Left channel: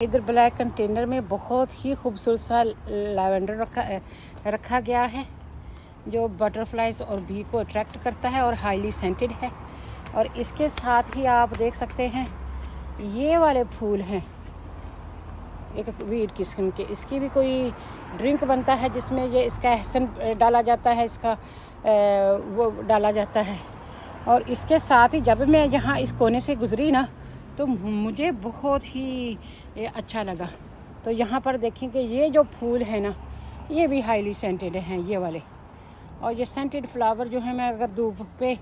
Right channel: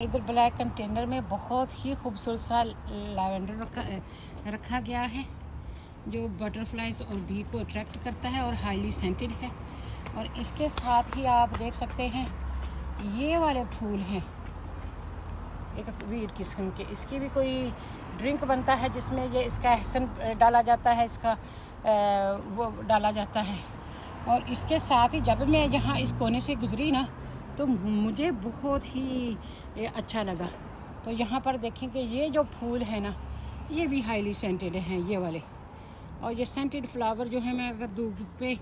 इधर black container में बहुत ही खूबसूरत सा लैवेंडर रखा गया है जो बटरफ्लाइज और बी को अट्रैक्ट करता है और हाईली सेंटेड है। और इसके साथ ही आप देख सकते हैं ये वाले फूल हैं एक वीड किस्म के। इसकी भी कोई ड्रिंक बनता है जिसमें ये इसका एहसन डाला जाता है, इसका वो डाला जाता है। और इसके साथ ही जब मैं यहाँ इस कोने से गुजरी ना तो मुझे बहुत ही अच्छा लगा। तो यहाँ पर देखें कि ये जो फूल है ना ये भी हाईली सेंटेड हैं ये वाले। और ये सेंटेड फ्लावर जो है मैं अगर धूप पे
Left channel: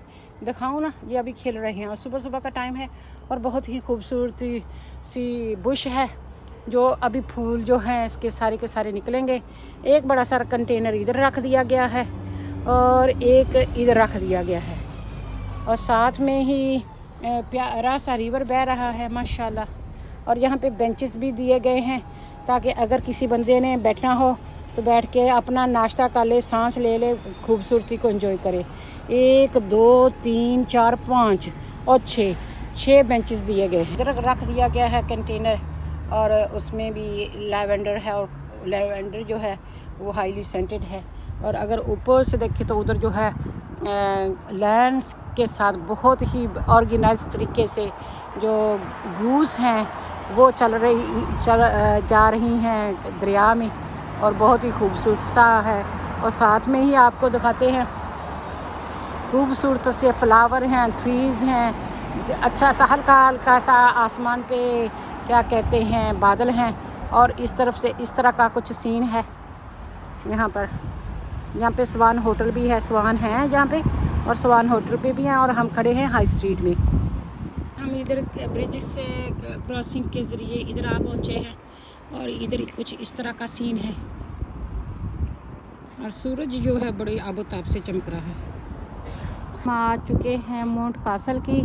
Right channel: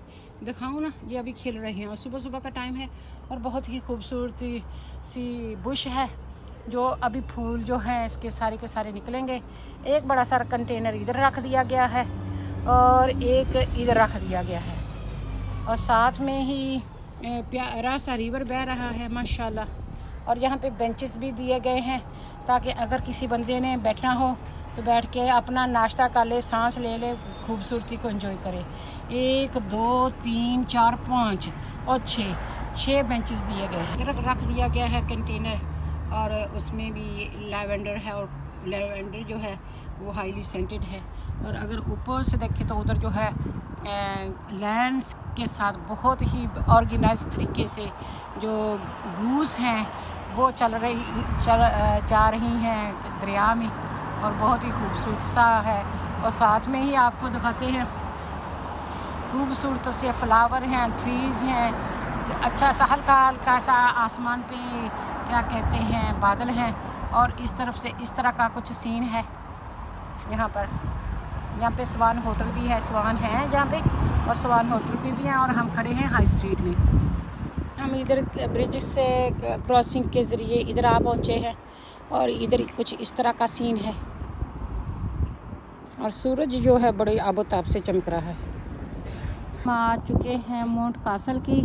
दिखाऊं ना ये अभी खिल रहे हैं और सुबह सुबह का टाइम है और बहुत ही खूबसूरती सी बुश है जो अभी फूल जो हैं इसके सारे के सारे निकलेंगे। एक बड़ा सारा कंटेनर इधर रख दिया गया है और एक इधर रख दिया गया है और साथ में ही प्यारा सा रिवर बह रहा है माशाल्लाह। और यहाँ पे बेंचेस भी दिए गए हैं ताकि अगर किसी बंदे ने बैठना हो तो बैठ के अपना नाश्ता कर ले, सांस ले ले, खूबसूरती को एंजॉय करे। 1 2 3 4 5 और 6 बेंचेस दिए गए हैं। इधर रख दिया गया है कंटेनर और उसमें भी लैवेंडर है और लैवेंडर जो है वो हाईली सेंटेड है। और अगर ऊपर से देखें तो उधर जो है लैंड्स के साथ बहुत ही ऑर्गेनाइज तरीके से जो ग्रूज हैं वो जा रही हैं दरिया में और बहुत ही खूबसूरत सा है। और साथ में ही आपको दिखाते हैं खूबसूरत से फ्लावर हैं, ट्रीज हैं, अच्छा सा हल्का हल्का सा आसमान पे क्या कहते हैं बादल हैं। और इस तरफ से इस तरह का कुछ सीन है यहाँ पर। यहाँ पे स्वान होटल भी है, स्वान है यहाँ पे और स्वान होटल पे भी हैं। और हम खड़े हैं हाई स्ट्रीट में। हम इधर ब्रिज से क्रॉसिंग के ज़रिए इधर आ पहुँचे हैं और इधर कुछ इस तरह का सीन है और सूरज जो है बड़े आबोताब से चमक रहा है। हम आ चुके हैं माउंट कासल की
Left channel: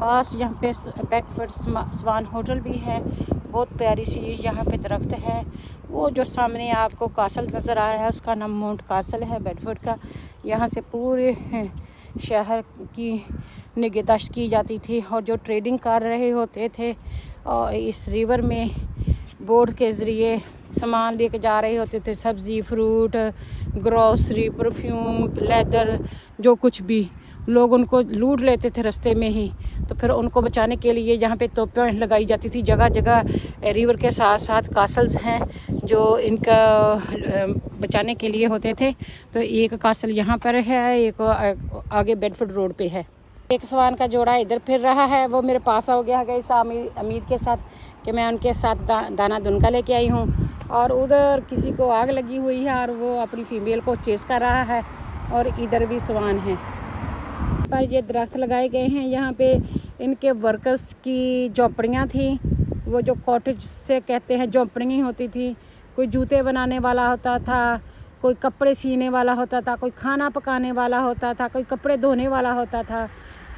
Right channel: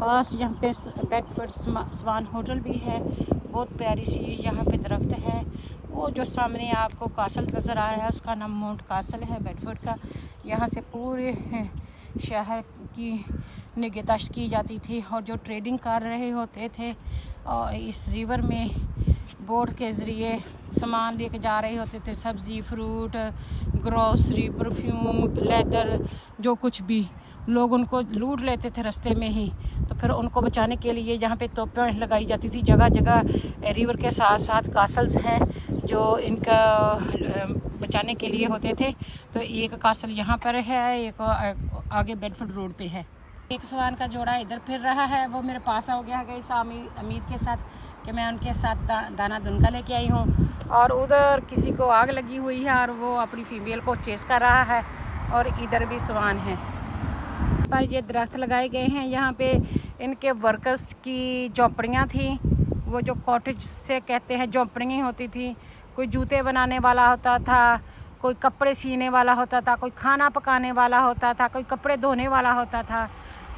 पास। यहाँ पे बेडफोर्ड स्वान होटल भी है, बहुत प्यारी सी यहाँ पे दरख्त है। वो जो सामने आपको कासल नज़र आ रहा है उसका नाम माउंट कासल है बेडफोर्ड का। यहाँ से पूरे शहर की निगहदाश्त की जाती थी और जो ट्रेडिंग कर रहे होते थे और इस रिवर में बोट के ज़रिए सामान लेके जा रहे होते थे, सब्ज़ी, फ्रूट, ग्रोसरी, परफ्यूम, लेदर, जो कुछ भी लोग उनको लूट लेते थे रास्ते में ही। तो फिर उनको बचाने के लिए यहाँ पे तोपें लगाई जाती थी। जगह जगह रिवर के साथ साथ कासल्स हैं जो इनका बचाने के लिए होते थे। तो एक कासल यहाँ पर है, एक आगे बेडफोर्ड रोड पे है। एक स्वान का जोड़ा इधर फिर रहा है, वो मेरे पास हो गया गई अमीर के साथ कि मैं उनके साथ दाना दुनका लेके आई हूँ। और उधर किसी को आग लगी हुई है और वो अपनी फीमेल को चेस कर रहा है। और इधर भी स्वान है। पर ये दरख्त लगाए गए हैं यहाँ पे। इनके वर्कर्स की झोंपड़ियाँ थी, वो जो कॉटेज से कहते हैं झोंपड़ियाँ होती थी। कोई जूते बनाने वाला होता था, कोई कपड़े सीने वाला होता था, कोई खाना पकाने वाला होता था, कोई कपड़े धोने वाला होता था,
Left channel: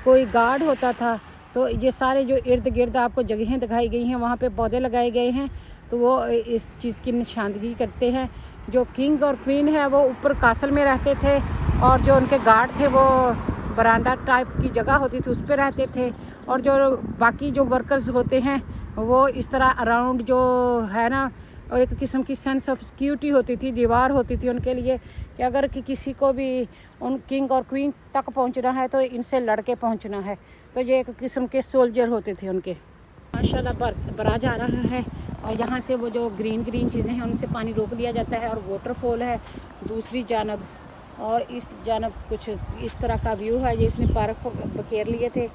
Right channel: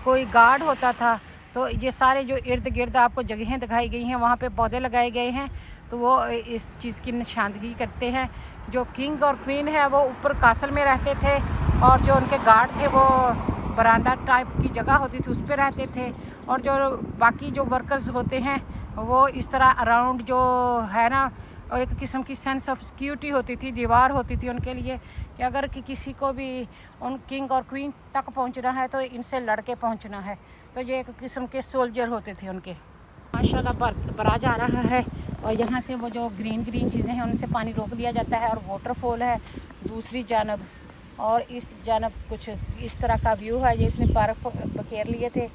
कोई गार्ड होता था। तो ये सारे जो इर्द गिर्द आपको जगहें दिखाई गई हैं वहाँ पे पौधे लगाए गए हैं। तो वो इस चीज़ की निशानदगी करते हैं। जो किंग और क्वीन है वो ऊपर कासल में रहते थे और जो उनके गार्ड थे वो बरांडा टाइप की जगह होती थी उस पर रहते थे। और जो बाकी जो वर्कर्स होते हैं वो इस तरह अराउंड जो है ना एक किस्म की सेंस ऑफ सिक्योरिटी होती थी, दीवार होती थी उनके लिए कि अगर कि किसी को भी उन किंग और क्वीन तक पहुंचना है तो इनसे लड़के पहुंचना है। तो ये एक किस्म के सोल्जर होते थे उनके। माशाल्लाह बरा जा रहा है और यहाँ से वो जो ग्रीन चीज़ें हैं उनसे पानी रोक दिया जाता है और वाटरफॉल है दूसरी जानब। और इस जानब कुछ इस तरह का व्यू है। ये इसने पार्क को बखेर लिए थे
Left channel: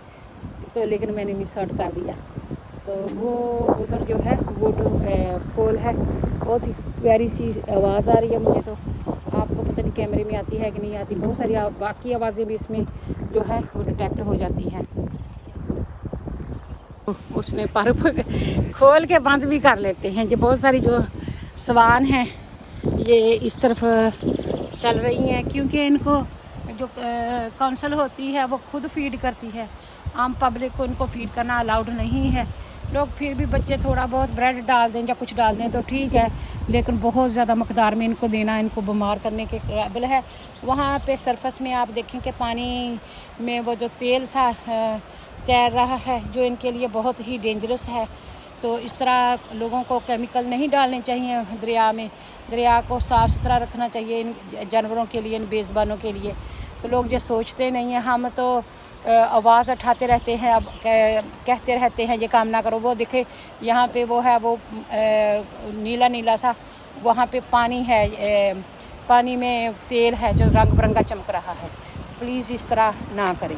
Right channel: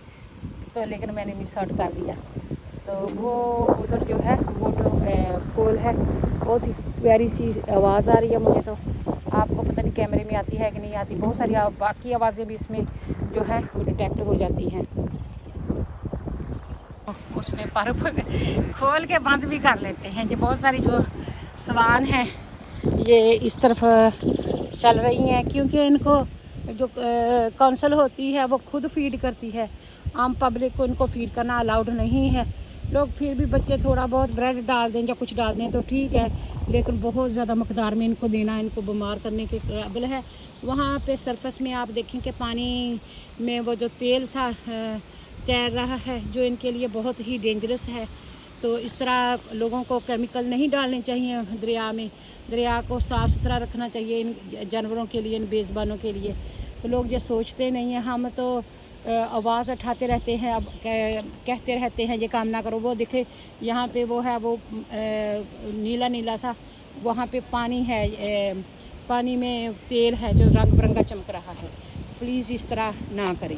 तो लेकिन मैंने मिस आउट कर दिया। तो वो उधर जो है वाटरफॉल है, बहुत ही प्यारी सी आवाज़ आ रही है मुझे। तो आपको पता नहीं कैमरे में आती है कि नहीं आती, बहुत सारी बाकी आवाज़ें भी इसमें जो है वो डिटेक्ट हो जाती हैं। उसमें पार्क खोल के बंद भी कर लेते हैं। ये बहुत सारी जो स्वान हैं ये इस तरफ चल रही हैं क्योंकि इनको जो काउंसिल होती है वो खुद फीड करती है। आम पब्लिक को इनको फीड करना अलाउड नहीं है। लोग फिर भी बच्चे थोड़ा बहुत ब्रेड डाल दें या कुछ डाल दें तो ठीक है, लेकिन बहुत ज़्यादा मकदार में इनको देना इनको बीमार करने के काबिल है। वहाँ पे सरफेस में आप देखें कि पानी में वो जो तेल सा तैर रहा है जो इनके लिए बहुत ही डेंजरस है। तो इस तरह लोगों को केमिकल नहीं डालने चाहिए दरिया में। दरिया को साफ़ सुथरा रखना चाहिए इन जानवरों के लिए, इन बेज़बानों के लिए। तो लोग ये सोचते नहीं हैं। हम तो आवाज़ उठाते रहते हैं, अब कहते रहते हैं ये काम ना करो। वो देखे यहाँ पे वो है, वो नीला नीला सा वहाँ पे पानी है, पानी में तेल है जो रंग बिरंगा चमक रहा है। प्लीज़ इस तरह ना करें।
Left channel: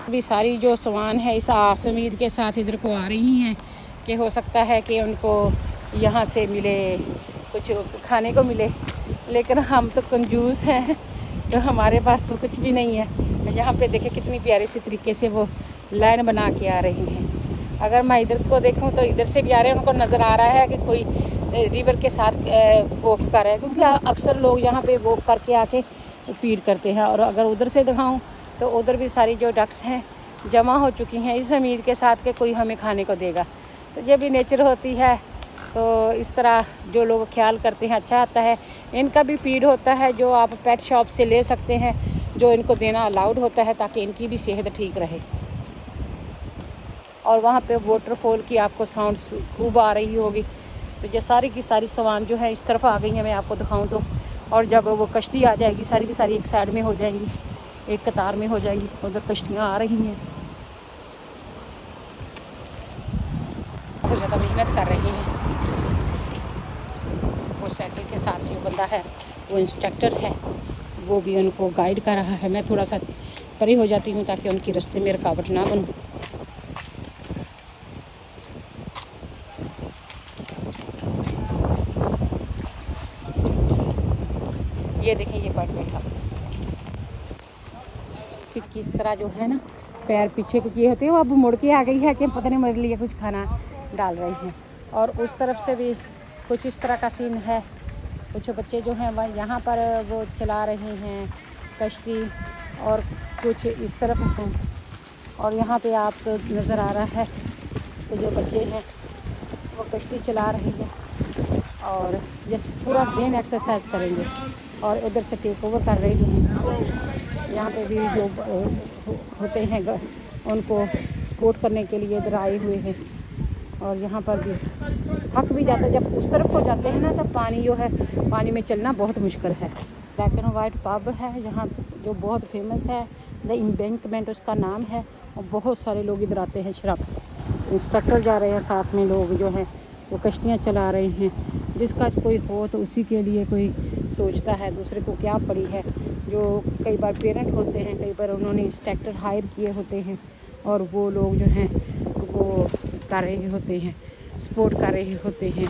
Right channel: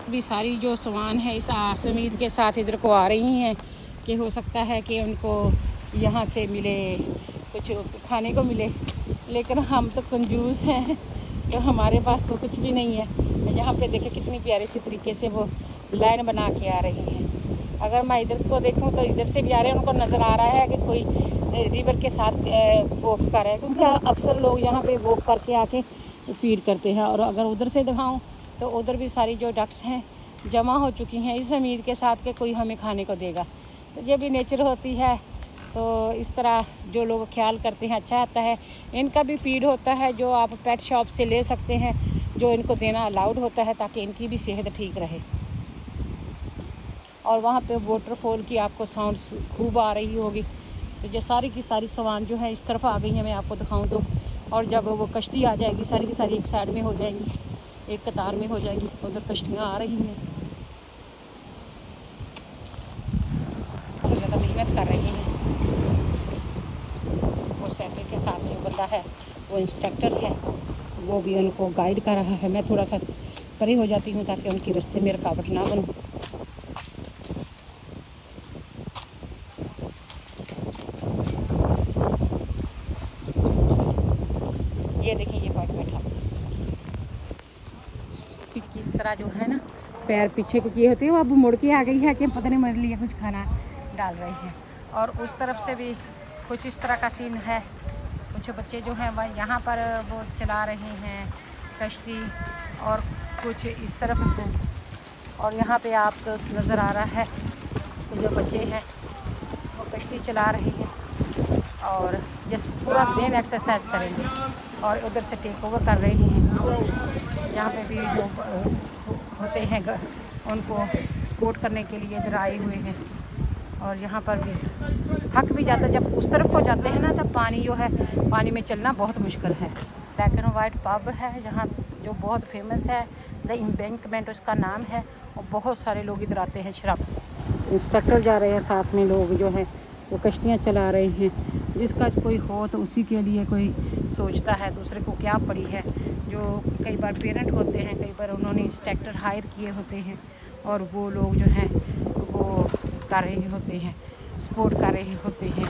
अभी सारी जो सवान है इस आस उम्मीद के साथ इधर को आ रही हैं कि हो सकता है कि उनको यहाँ से मिले, कुछ खाने को मिले। लेकिन हम तो कंजूस हैं, तो हमारे पास तो कुछ भी नहीं है। तो यहाँ पे देखें कितनी प्यारी सी तरीके से वो लाइन बना के आ रही हैं। अगर मैं इधर को देखूँ तो इधर से भी आ रहे हैं, उनको नज़र आ रहा है कि कोई रिवर के साथ वॉक कर रहा है, क्योंकि अक्सर लोग यहाँ पे वॉक करके आके फीड करते हैं। और अगर उधर से दिखाऊँ तो उधर भी सारी जो डक्स हैं जमा हो चुकी हैं इस उम्मीद के साथ कि कोई हमें खाने को देगा। तो ये भी नेचर होती है। तो इस तरह जो लोग ख्याल करते हैं अच्छा आता है। इनका भी फीड होता है जो आप पेट शॉप से ले सकते हैं, जो इनको देना अलाउड होता है ताकि इनकी भी सेहत ठीक रहे। और वहाँ पे वाटरफॉल की आपको साउंड्स खूब आ रही होगी। तो ये सारी की सारी सामान जो है इस तरफ आ गई है, मैं आपको दिखाऊं तो। और जब वो कश्ती आ जाएगी सारी की सारी एक साइड में हो जाएंगी, एक कतार में हो जाएगी। उधर कश्तियाँ आ रही हैं, ज़्यादा मेहनत कर रही हैं। और साइकिल के साथ जो बंदा है वो इंस्ट्रक्टर है, वो भी उनको गाइड कर रहा है। मैं थोड़ा सा परी हो जाती हूँ ताकि उनकी रास्ते में रुकावट ना बनूँ। ये देखिए ये बर्ड किस तरह जो है ना पैर पीछे को किए होते हैं, वो अब मुड़ के आ गई है कि पता नहीं मेरे लिए कुछ खाना डाल रही हैं। और उस तरफ से भी कुछ इस तरह का सीन है। कुछ बच्चे जो हैं वह यहाँ पर वो चला रहे हैं कश्ती, और कुछ इस तरफ हैं। और यहाँ पे आप नज़र आ रहा है तो जो बच्चे हैं वो कश्ती चला रहे हैं और जिस पूरा दिन एक्सरसाइज करेंगे। और इधर से टेक ओवर कर रही हैं। यहाँ पे भी जो होते हैं उनको सपोर्ट करने के लिए इधर आए हुए हैं। और यहाँ पर भी थक भी जाता है जब उस तरफ हो जाते हैं ना, जब पानी जो है पानी में चलना बहुत मुश्किल है। ब्लैक एंड वाइट पब है जहाँ जो बहुत फेमस है, द एम्बैंकमेंट उसका नाम है। और बहुत सारे लोग इधर आते हैं। शराब इंस्ट्रक्टर जा रहे हैं, साथ में लोग जो है वो कश्तियाँ चला रहे हैं। जिसका कोई हो तो उसी के लिए कोई सोचता है, दूसरे को क्या पड़ी है। जो कई बार पेरेंट होते हैं, कई बार उन्होंने इंस्ट्रक्टर हायर किए होते हैं और वो लोग जो हैं वो कर रहे होते हैं, सपोर्ट कर रहे होते हैं।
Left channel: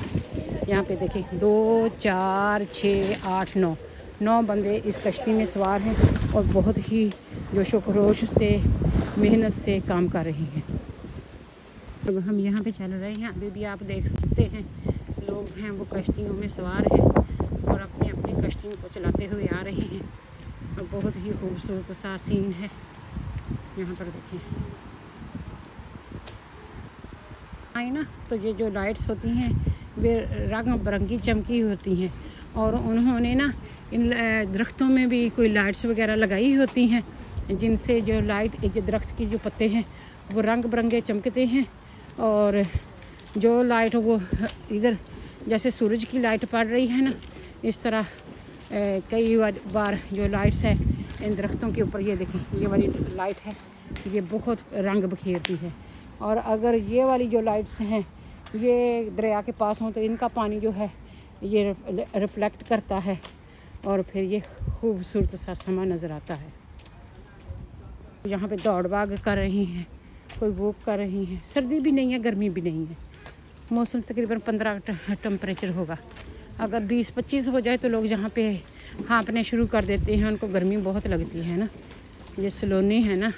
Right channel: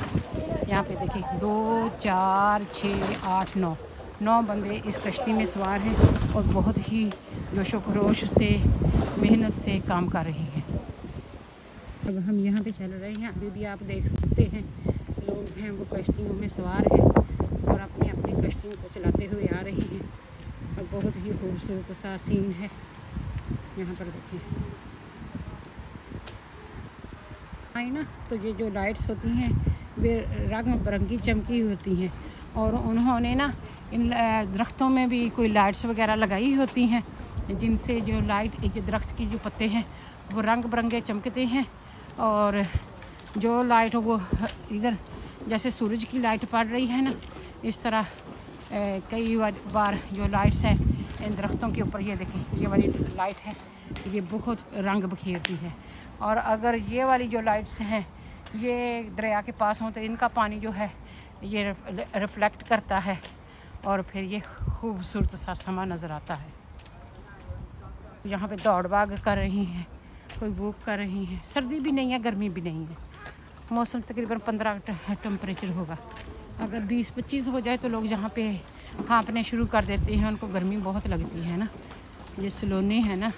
यहाँ पे देखिए 2 4 6 8 9 बंदे इस कश्ती में सवार हैं और बहुत ही जोशो खरोश से मेहनत से काम कर रहे हैं। अब हम यहाँ पे चल रहे हैं, अभी भी आप देख सकते हैं लोग हैं वो कश्तियों में सवार हैं और अपनी अपनी कश्तियों को चलाते हुए आ रहे हैं। और बहुत ही खूबसूरत सा सीन है यहाँ पर देखिए। आई ना तो ये जो लाइट्स होती हैं वे रंग बिरंगी चमकी होती हैं। और उन्होंने ना इन दरख्तों में भी कोई लाइट्स वगैरह लगाई होती हैं, जिनसे जो लाइट जो दरख्त के जो पत्ते हैं वो रंग बिरंगे चमकते हैं। और जो लाइट वो इधर जैसे सूरज की लाइट पड़ रही है ना, इस तरह कई बार जो लाइट्स हैं इन दरख्तों के ऊपर, ये देखें ये वाली लाइट है, ये बहुत रंग बिखेरती है। और अगर ये वाली जो लाइट्स हैं ये दरिया के पास हों तो इनका पानी जो है ये रिफ्लेक्ट करता है और फिर ये खूबसूरत सा समा नज़र आता है। यहाँ पे दौड़ भाग कर रही हैं, कोई वॉक कर रही हैं। सर्दी भी नहीं है, गर्मी भी नहीं है, मौसम तकरीबन 15 टेम्परेचर होगा। अगर 20-25 हो जाए तो लोग यहाँ पे हाँपने शुरू कर देते हैं, उनको गर्मी बहुत लगती है ना। ये सलोनी है ना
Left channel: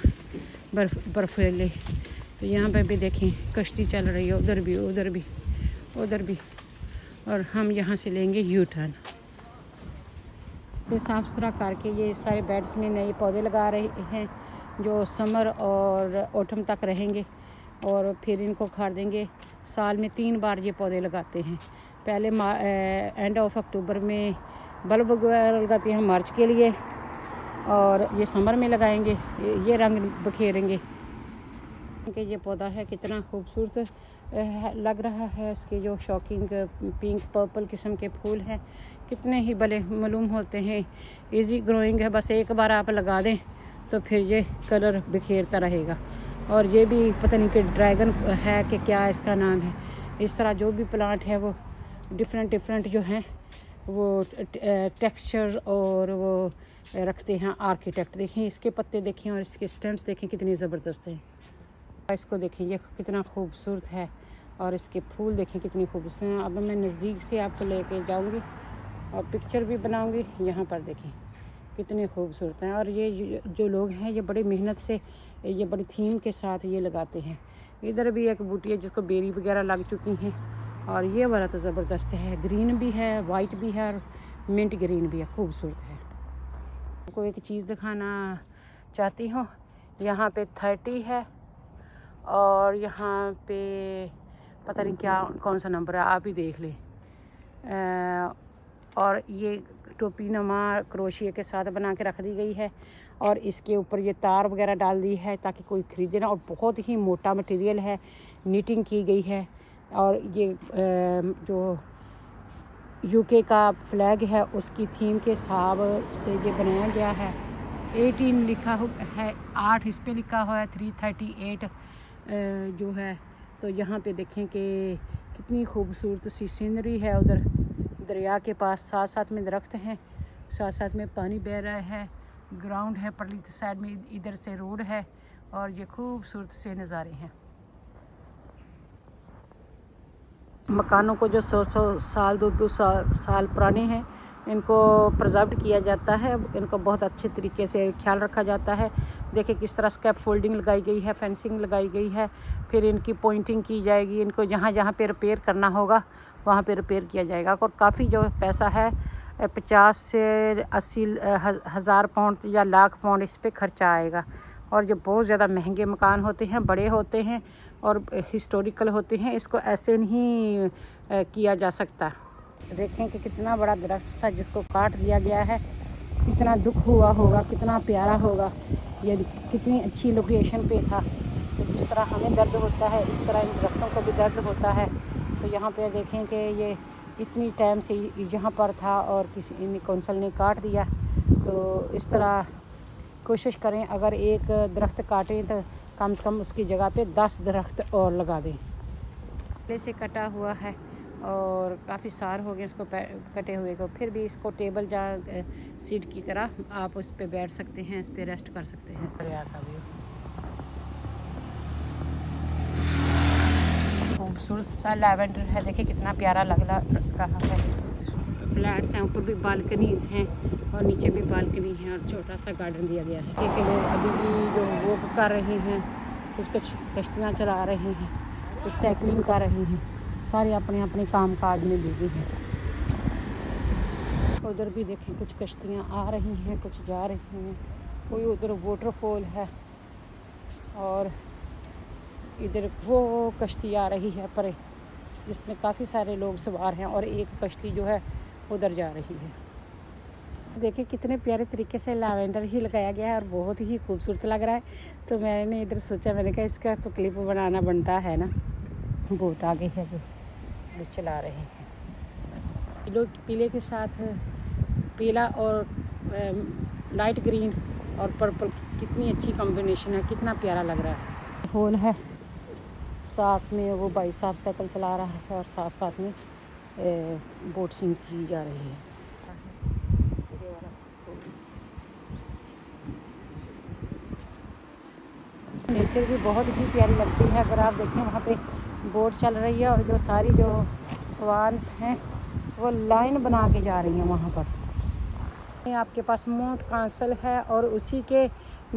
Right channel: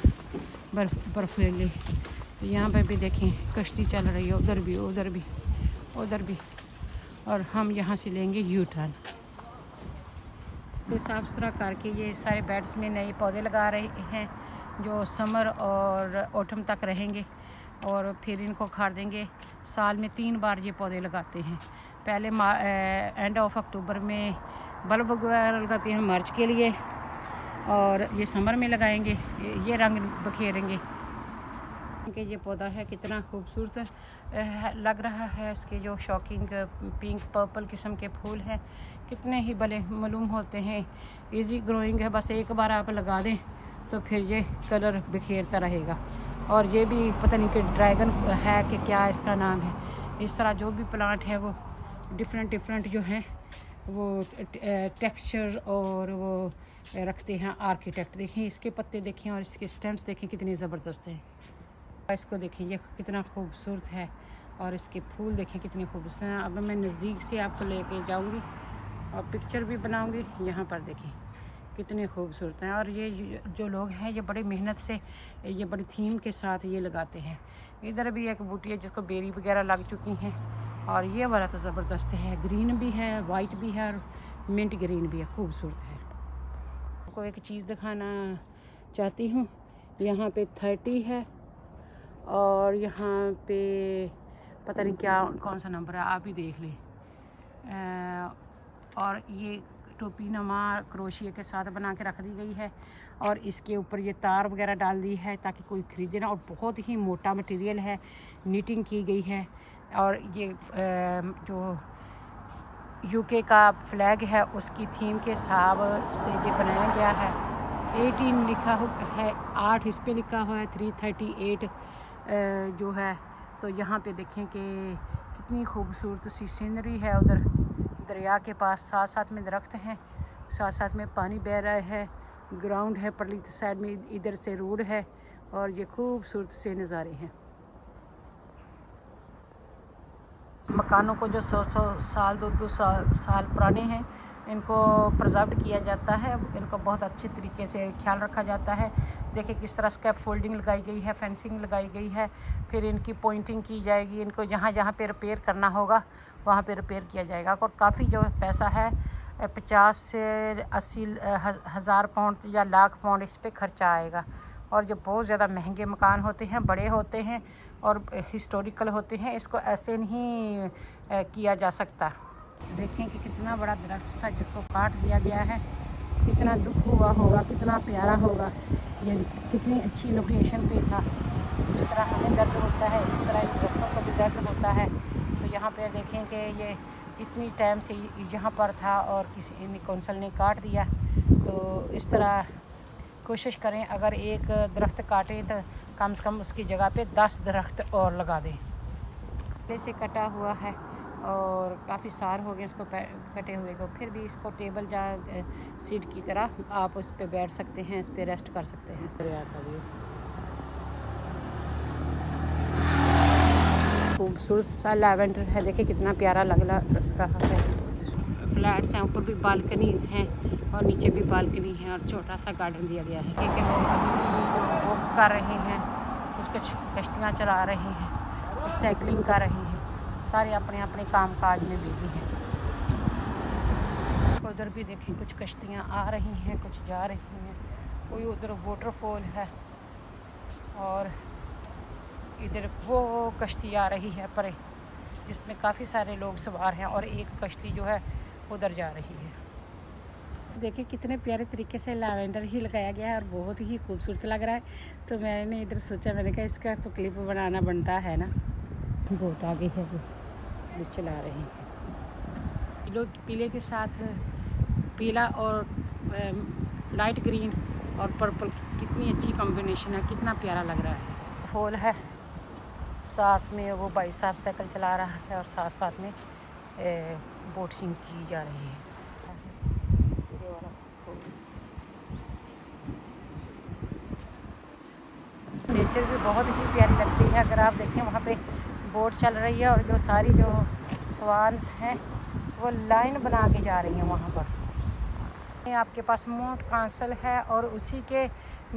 बर्फीले, तो यहाँ पे भी देखें कश्ती चल रही है, उधर भी उधर भी उधर भी। और हम यहाँ से लेंगे यू टर्न। तो साफ़ सुथरा करके ये सारे बेड्स में नए पौधे लगा रहे हैं जो समर और ऑटम तक रहेंगे और फिर इनको उखाड़ देंगे। साल में 3 बार ये पौधे लगाते हैं। पहले एंड ऑफ अक्टूबर में बल्ब वगैरह लगाते हैं मार्च के लिए, और ये समर में लगाएंगे, ये रंग बिखेरेंगे। कि ये पौधा है कितना खूबसूरत लग रहा है। इसके जो शॉकिंग पिंक पर्पल किस्म के फूल हैं, कितने ही भले मालूम होते हैं। इजी ग्रोइंग है, बस एक बार आप लगा दें तो फिर ये कलर बिखेरता रहेगा। और ये भी पता नहीं कि ड्रैगन है कि क्या इसका नाम है। इस तरह जो भी प्लांट है वो डिफरेंट जो हैं वो टेक्सचर और वो रखते हैं आर्किटेक्ट। देखिए इसके पत्ते देखिए और इसके स्टेम्स देखें कितनी ज़बरदस्त हैं। इसको देखिए ये कितना खूबसूरत है और इसके फूल देखिए कितनी खूबसूरत हैं। अब मैं नज़दीक से आपको लेके जाऊंगी और पिक्चर भी बनाऊंगी। यहाँ पर देखिए कितने खूबसूरत हैं। और ये जो लोग हैं ये बड़ी मेहनत से ये बड़ी थीम के साथ ये लगाते हैं। इधर भी एक बूटी है जिसको बेरी वगैरह लग चुकी हैं। और ये वाला तो ज़बरदस्त है, ग्रीन भी है, वाइट भी है और मिंट ग्रीन भी है, खूबसूरत है। आपको एक चीज़ दिखाना चाहती हूँ, यहाँ पे 30 है और यहाँ पे पता नहीं क्या कौन सा नंबर है, आप ही देख लें। और ये टोपी नमा क्रोशिया के साथ बना के रख दी गई है और इसके ऊपर ये तार वगैरह डाल दी है ताकि कोई ख़रीदे ना। और बहुत ही मोटा मटेरियल है, नीटिंग की गई है। और ये जो यूके का फ्लैग है उसकी थीम के हिसाब से ये बनाया गया है। 18 लिखा है, 8 इस पे लिखा हुआ है, 338 जो है। तो यहाँ पे देखें कि कितनी खूबसूरत सी सीनरी है। उधर दरिया के पास साथ साथ में दरख्त हैं, साथ साथ में पानी बह रहा है, ग्राउंड है, परली साइड में इधर से रोड है और ये खूबसूरत से नज़ारे हैं। मकानों को जो 100 साल 200 साल पुराने हैं इनको प्रिजर्व किया जाता है, इनको बहुत अच्छे तरीके से ख्याल रखा जाता है। देखिए किस तरह स्कैप फोल्डिंग लगाई गई है, फेंसिंग लगाई गई है, फिर इनकी पॉइंटिंग की जाएगी। इनको जहाँ जहाँ पे रिपेयर करना होगा वहाँ पे रिपेयर किया जाएगा। और काफ़ी जो पैसा है 50 से 80 हज़ार पाउंड या लाख पाउंड इस पर खर्चा आएगा। और ये बहुत ज़्यादा महंगे मकान होते हैं, बड़े होते हैं और हिस्टोरिकल होते हैं, इसको ऐसे नहीं किया जा सकता। देखें कि कितना बड़ा दरख्त था जिसको काट दिया गया है, कितना दुख हुआ होगा, कितना प्यारा होगा। ये कितनी अच्छी लोकेशन पे था। जिस तरह हमें दर्द होता है इस तरह दरख्तों को भी दर्द होता है। तो यहाँ पे देखें कि ये इतनी टाइम से यहाँ पर था और किसी कौंसल ने काट दिया। तो इस तरह कोशिश करें, अगर एक दरख्त काटें तो कम से कम उसकी जगह पे 10 दरख्त और लगा दें। पहले से कटा हुआ है और काफ़ी साल हो गए इसको कटे हुए को, फिर भी इसको टेबल जहाँ सीट की तरह आप उस पर बैठ सकते हैं, इस पर रेस्ट कर सकते हैं। खूबसूरत सा लैवेंडर है, देखिए कितना प्यारा लग रहा है। फ्लैट्स हैं, ऊपर भी बालकनीज हैं और नीचे भी बालकनी है और छोटा सा गार्डन दिया गया है। ठीक है, अभी भी जो वॉक कर रहे हैं, कुछ कश्तियाँ चला रहे हैं, कुछ साइकिलिंग कर रही हैं, सारे अपने अपने काम काज में बिजी हैं। उधर भी देखें कुछ कश्तियाँ आ रही हैं, कुछ जा रही हैं। कोई उधर वाटरफॉल है और इधर वो कश्ती आ रही है परे, जिसमें काफ़ी सारे लोग सवार हैं और एक कश्ती जो है उधर जा रही है। देखिए कितने प्यारे तरीके से लैवेंडर ही लगाया गया है और बहुत ही खूबसूरत लग रहा है। तो मैंने इधर सोचा, मैंने कहा इसका तो क्लिप बनाना बनता है ना। बोट आ गई है, वो चला रही है। लोग पीले के साथ पीला और लाइट ग्रीन और पर्पल, कितनी अच्छी कॉम्बिनेशन है, कितना प्यारा लग रहा है। फूल है, साथ में वो भाई साहब साइकिल चला रहा है और साथ साथ में बोटिंग की जा रही है। नेचर भी बहुत ही प्यारी लगती है। अगर आप देखें वहाँ पे बोट चल रही है और जो सारी जो स्वान्स हैं वो लाइन बना के जा रही हैं वहाँ पर। आपके पास माउंट कासल है और उसी के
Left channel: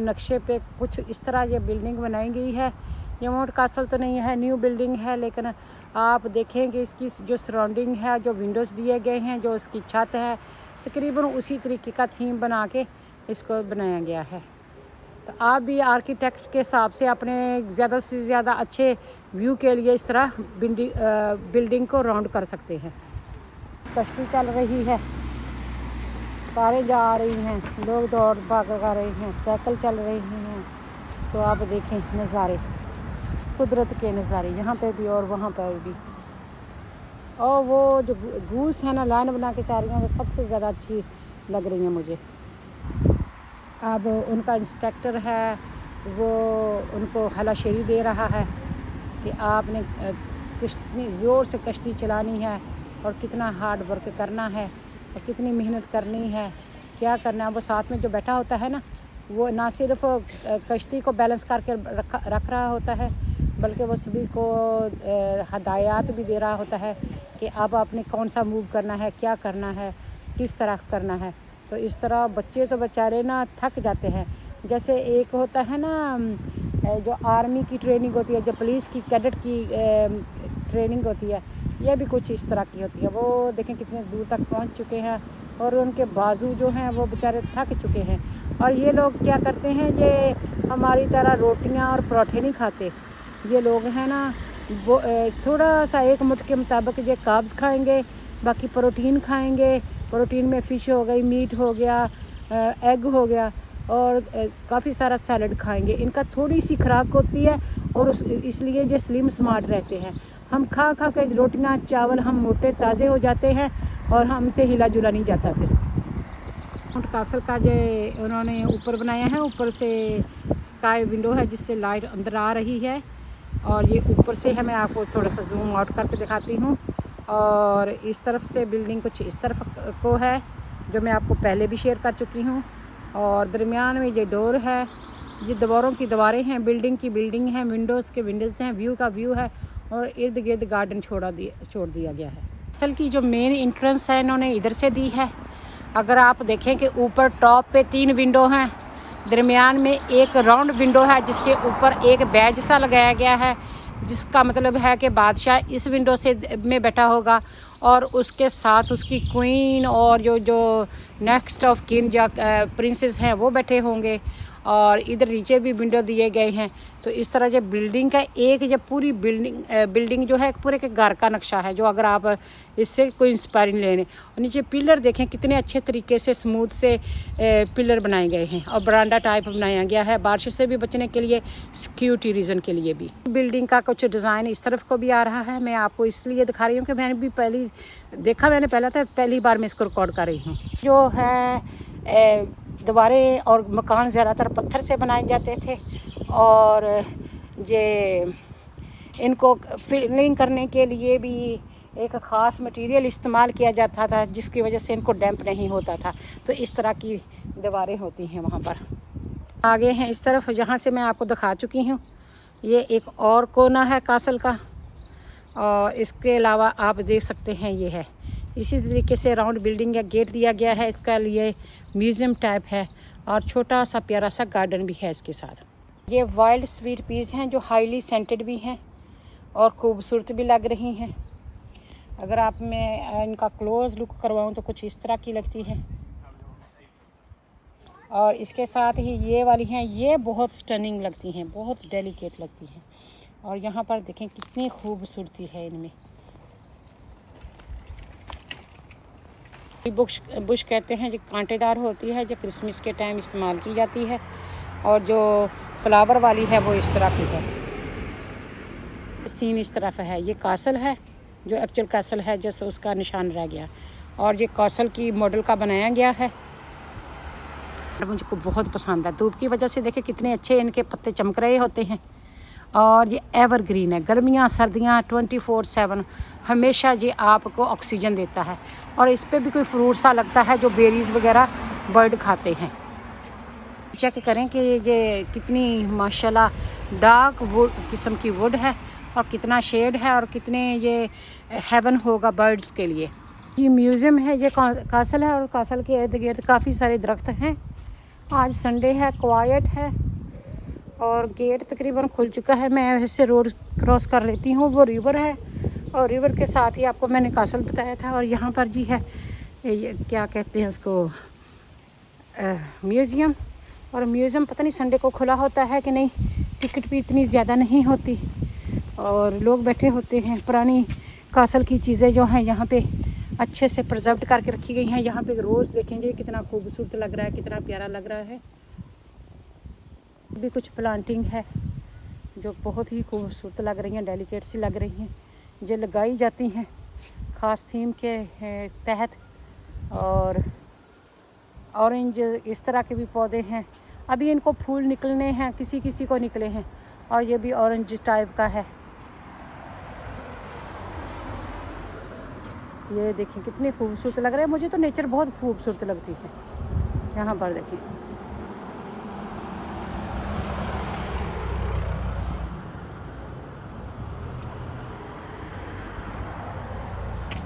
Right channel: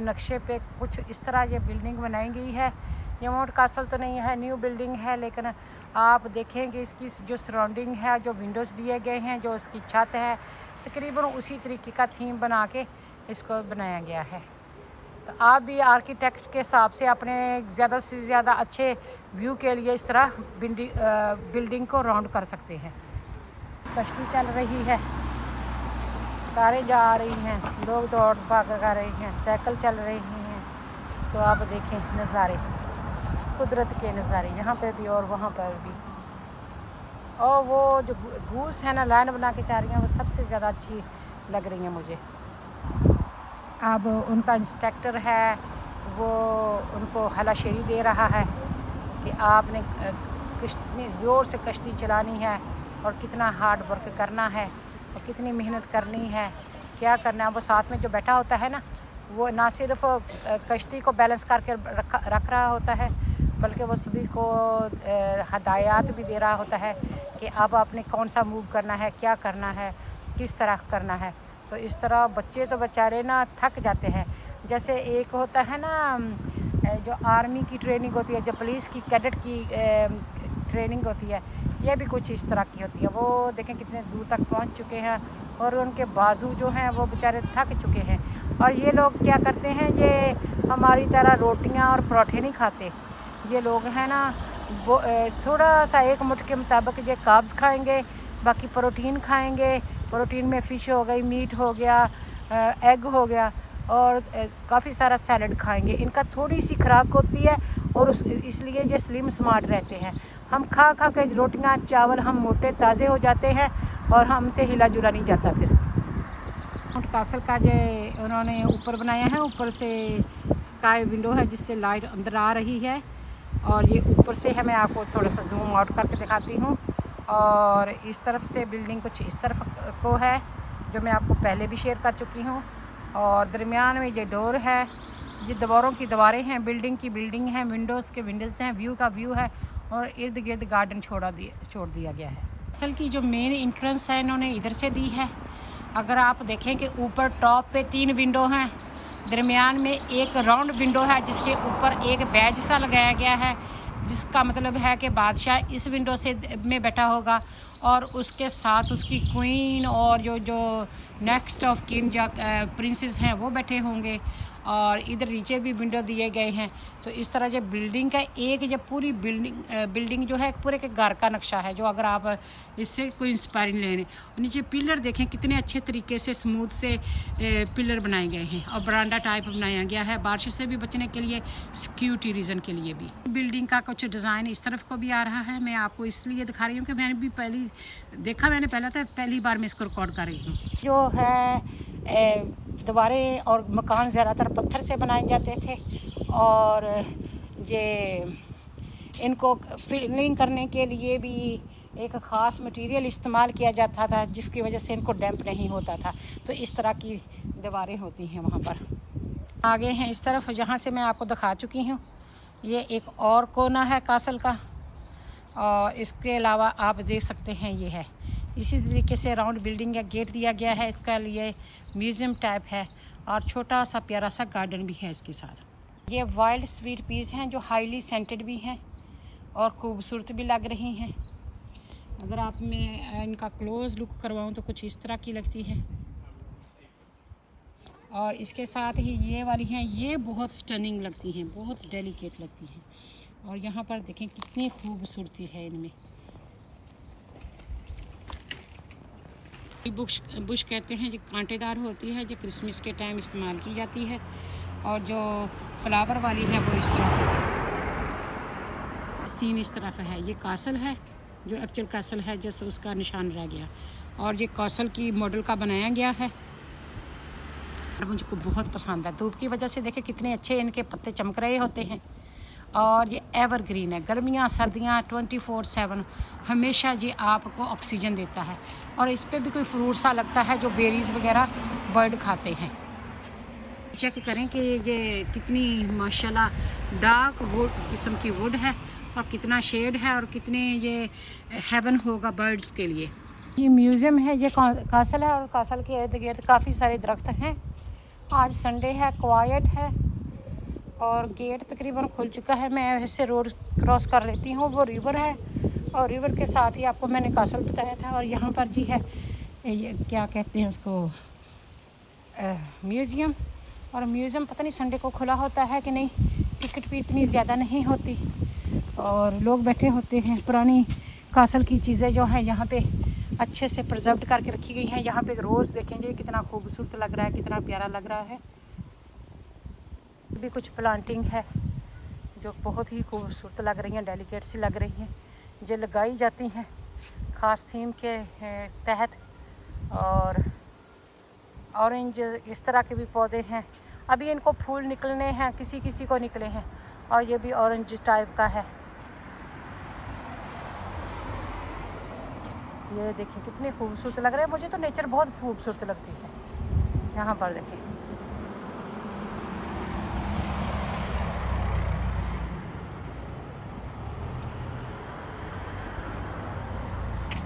नक्शे पे कुछ इस तरह ये बिल्डिंग बनाई गई है। ये माउंट कासल तो नहीं है, न्यू बिल्डिंग है, लेकिन आप देखेंगे इसकी जो सराउंडिंग है, जो विंडोज़ दिए गए हैं, जो इसकी छत है, तकरीबन उसी तरीके का थीम बना के इसको बनाया गया है। तो आप भी आर्किटेक्ट के हिसाब से अपने ज़्यादा से ज़्यादा अच्छे व्यू के लिए इस तरह बिल्डिंग को राउंड कर सकते हैं। कश्ती चल रही है, कारें जा रही हैं, लोग दौड़ भाग कर रहे हैं, साइकिल चल रही हैं। तो आप देखें नज़ारे। कुदरत के नज़ारे यहाँ पे भी और वहाँ पर भी। और वो जो गूस है ना लाइन बना के जा रही हैं, वो सबसे ज़्यादा अच्छी लग रही है मुझे। अब उनका इंस्ट्रक्टर है वो उनको हलाशेरी दे रहा है कि आपने कितनी ज़ोर से कश्ती चलानी है और कितना हार्ड वर्क करना है और कितनी मेहनत करनी है, क्या करना है। वो साथ में जो बैठा होता है ना, वो ना सिर्फ कश्ती को बैलेंस करके रख रहा होता है, बल्कि वो सभी को हदायत भी दे रहा होता है कि अब आपने कौन सा मूव करना है, क्या करना है, किस तरह करना है। तो इस तरह बच्चे तो बेचारे ना थक जाते हैं। जैसे एक होता है ना जो आर्मी की ट्रेनिंग होती है, जो पुलिस की कैडेट की ट्रेनिंग होती है, ये भी कुछ इस तरह की होती है। वो देखें कितने दूर तक पहुंच चुके हैं और उनके बाजू जो हैं वो बेचारे थक चुके हैं। और ये लोग क्या करते हैं, ये हमारी तरह रोटियां और पराठे नहीं खाते। ये लोग हैं ना वो थोड़ा सा एक मुठ के मुताबिक ये कार्ब्स खाएंगे, बाकी प्रोटीन खाएंगे। प्रोटीन में फ़िश हो गई, मीट हो गया, एग हो गया और काफ़ी सारा सैलड खाएंगे। इनका थोड़ी सी खुराक होती है और इसलिए ये स्लिम स्मार्ट रहते हैं। हम खा खा के रोटियां चावल हम मोटे ताज़े हो जाते हैं और हमसे हिला जुला नहीं जाता। फिर माउंट कासल का जो उन्होंने ऊपर बनाया है, ऊपर से स्काई विंडो है जिससे लाइट अंदर आ रही है। और ये ऊपर से है, मैं आपको थोड़ा सा जूम आउट करके दिखाती हूँ। और इस तरफ से बिल्डिंग कुछ इस तरफ को है जो मैं आपको पहले भी शेयर कर चुकी हूँ। और दरमियान में ये डोर है, ये दीवारों की दीवारें हैं, बिल्डिंग की बिल्डिंग है, विंडोज़ के विंडोज़ हैं, व्यू का व्यू है और इर्द गिर्द गार्डन छोड़ दिया गया है। असल की जो मेन एंट्रेंस है इन्होंने इधर से दी है। अगर आप देखें कि ऊपर टॉप पे 3 विंडो हैं, दरमियान में एक राउंड विंडो है जिसके ऊपर एक बैज सा लगाया गया है, जिसका मतलब है कि बादशाह इस विंडो से में बैठा होगा और उसके साथ उसकी क्वीन और जो नेक्स्ट ऑफ किन या प्रिंसेस हैं वो बैठे होंगे। और इधर नीचे भी विंडो दिए गए हैं। तो इस तरह जो बिल्डिंग का एक जो पूरी बिल्डिंग जो है पूरे के घर का नक्शा है, जो अगर आप इससे कोई इंस्पायरिंग लेने। और नीचे पिलर देखें कितने अच्छे तरीके से स्मूथ से पिलर बनाए गए हैं और बरांडा टाइप बनाया गया है बारिश से भी बचने के लिए, सिक्योरिटी रीज़न के लिए भी। बिल्डिंग का कुछ डिज़ाइन इस तरफ को भी आ रहा है। मैं आपको इसलिए दिखा रही हूँ कि मैंने भी मैंने पहला था, पहली बार मैं इसको रिकॉर्ड कर रही हूँ। जो है दीवारें और मकान ज़्यादातर पत्थर से बनाए जाते थे और ये इनको फिलिंग करने के लिए भी एक ख़ास मटेरियल इस्तेमाल किया जाता था जिसकी वजह से इनको डैम्प नहीं होता था। तो इस तरह की दीवारें होती हैं वहाँ पर। आगे हैं इस तरफ, जहाँ से मैं आपको दिखा चुकी हूँ। ये एक और कोना है कासल का और इसके अलावा आप देख सकते हैं ये है इसी तरीके से राउंड बिल्डिंग का गेट दिया गया है। इसका लिए म्यूज़ियम टाइप है और छोटा सा प्यारा सा गार्डन भी है इसके साथ। ये वाइल्ड स्वीट पीस हैं जो हाईली सेंटेड भी हैं और खूबसूरत भी लग रही हैं। अगर आप मैं इनका क्लोज लुक करवाऊं तो कुछ इस तरह की लगती हैं। और इसके साथ ही ये वाली हैं, ये बहुत स्टनिंग लगती हैं, बहुत डेलिकेट लगती हैं। और यहाँ पर देखें कितनी खूबसूरती है इनमें। बुश कहते हैं, जो कांटेदार होती है, जो क्रिसमस के टाइम इस्तेमाल की जाती है। और जो फ्लावर वाली है वो इस तरह की है। सीन इस तरफ है, ये कासल है जो एक्चुअल कासल है, जैसे उसका निशान रह गया। और ये कासल की मॉडल का बनाया गया है। मुझको बहुत पसंद है। धूप की वजह से देखे कितने अच्छे इनके पत्ते चमक रहे होते हैं। और ये एवरग्रीन है, गर्मियाँ सर्दियाँ 24/7 हमेशा ये आपको ऑक्सीजन देता है। और इस पे भी कोई फ्रूट सा लगता है जो बेरीज वगैरह बर्ड खाते हैं। चेक करें कि ये कितनी माशाल्लाह डार्क वुड किस्म की वुड है और कितना शेड है और कितने ये हेवन होगा बर्ड्स के लिए। ये म्यूज़ियम है, ये कासल है और कासल के इर्द गिर्द काफ़ी सारे दरख्त हैं। आज संडे है, क्वाइट है और गेट तकरीबन खुल चुका है। मैं ऐसे रोड क्रॉस कर लेती हूँ, वो रिवर है और रिवर के साथ ही आपको मैंने कासल बताया था। और यहाँ पर जी है ये क्या कहते हैं उसको, म्यूज़ियम। और म्यूज़ियम पता नहीं संडे को खुला होता है कि नहीं, टिकट भी इतनी ज़्यादा नहीं होती और लोग बैठे होते हैं। पुरानी कासल की चीज़ें जो हैं यहाँ पे अच्छे से प्रिजर्व करके रखी गई हैं। यहाँ पे रोज़ देखेंगे कितना खूबसूरत लग रहा है, कितना प्यारा लग रहा है। भी कुछ प्लांटिंग है जो बहुत ही खूबसूरत लग रही हैं, डेलिकेट सी लग रही हैं, जो लगाई जाती हैं ख़ास थीम के तहत। और ऑरेंज इस तरह के भी पौधे हैं। अभी इनको फूल निकलने हैं, किसी किसी को निकले हैं, और ये भी ऑरेंज टाइप का है। ये देखिए कितने खूबसूरत लग रहे हैं। मुझे तो नेचर बहुत खूबसूरत लगती है। यहाँ पर देखिए,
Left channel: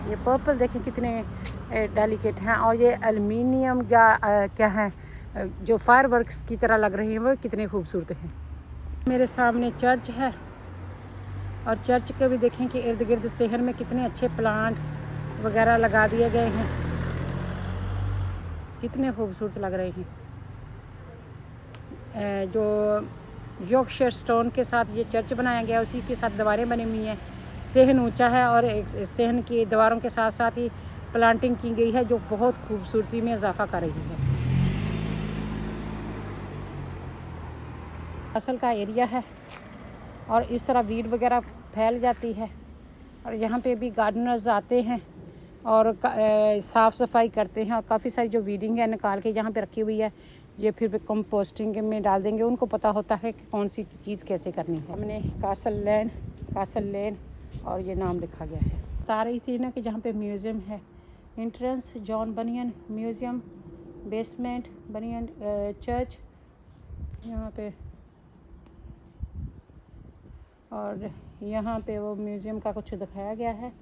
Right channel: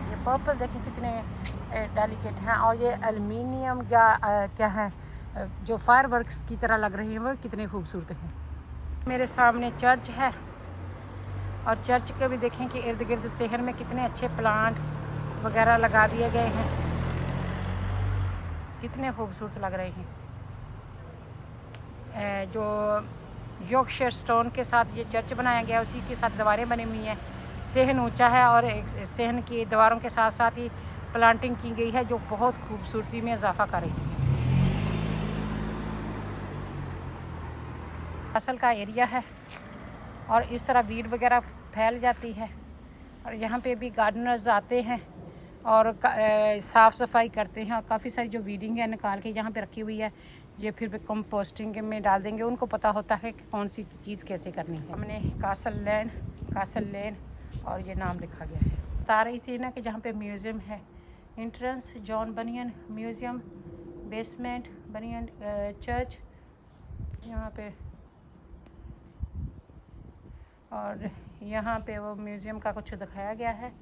ये पर्पल देखिए कितने डेलिकेट हैं। और ये एल्युमिनियम या क्या है, जो फायर वर्क्स की तरह लग रही हैं, वो कितने खूबसूरत हैं। मेरे सामने चर्च है, और चर्च के भी देखें कि इर्द गिर्द शहर में कितने अच्छे प्लांट वगैरह लगा दिए गए हैं, कितने खूबसूरत लग रहे हैं। जो यॉर्कशायर स्टोन के साथ ये चर्च बनाया गया, उसी के साथ दीवारें बनी हुई हैं। सहन ऊंचा है, और एक सहन की दीवारों के साथ साथ ही प्लांटिंग की गई है, जो बहुत खूबसूरती में इजाफा कर रही है। असल का एरिया है, और इस तरह वीड वगैरह फैल जाती है, और यहाँ पे भी गार्डनर्स आते हैं और साफ़ सफाई करते हैं, और काफ़ी सारी जो वीडिंग है निकाल के यहाँ पे रखी हुई है, ये फिर कंपोस्टिंग में डाल देंगे। उनको पता होता है कि कौन सी चीज़ कैसे करनी है। हमने कासल लेन और ये नाम लिखा गया है। बता रही थी ना कि जहाँ पे म्यूज़ियम है, एंट्रेंस जॉन बनियन म्यूज़ियम, बेसमेंट बनियन चर्च यहाँ पे, और यहाँ पे वो म्यूज़ियम का कुछ दिखाया गया है,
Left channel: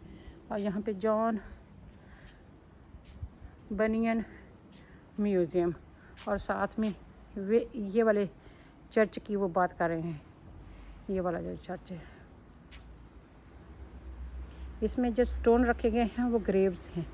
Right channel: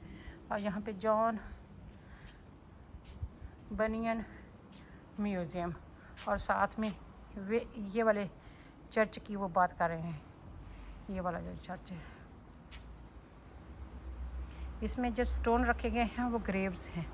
और यहाँ पे जॉन बनियन म्यूज़ियम, और साथ में वे ये वाले चर्च की वो बात कर रहे हैं। ये वाला जो चर्च है, इसमें जो स्टोन रखे गए हैं वो ग्रेव्स हैं।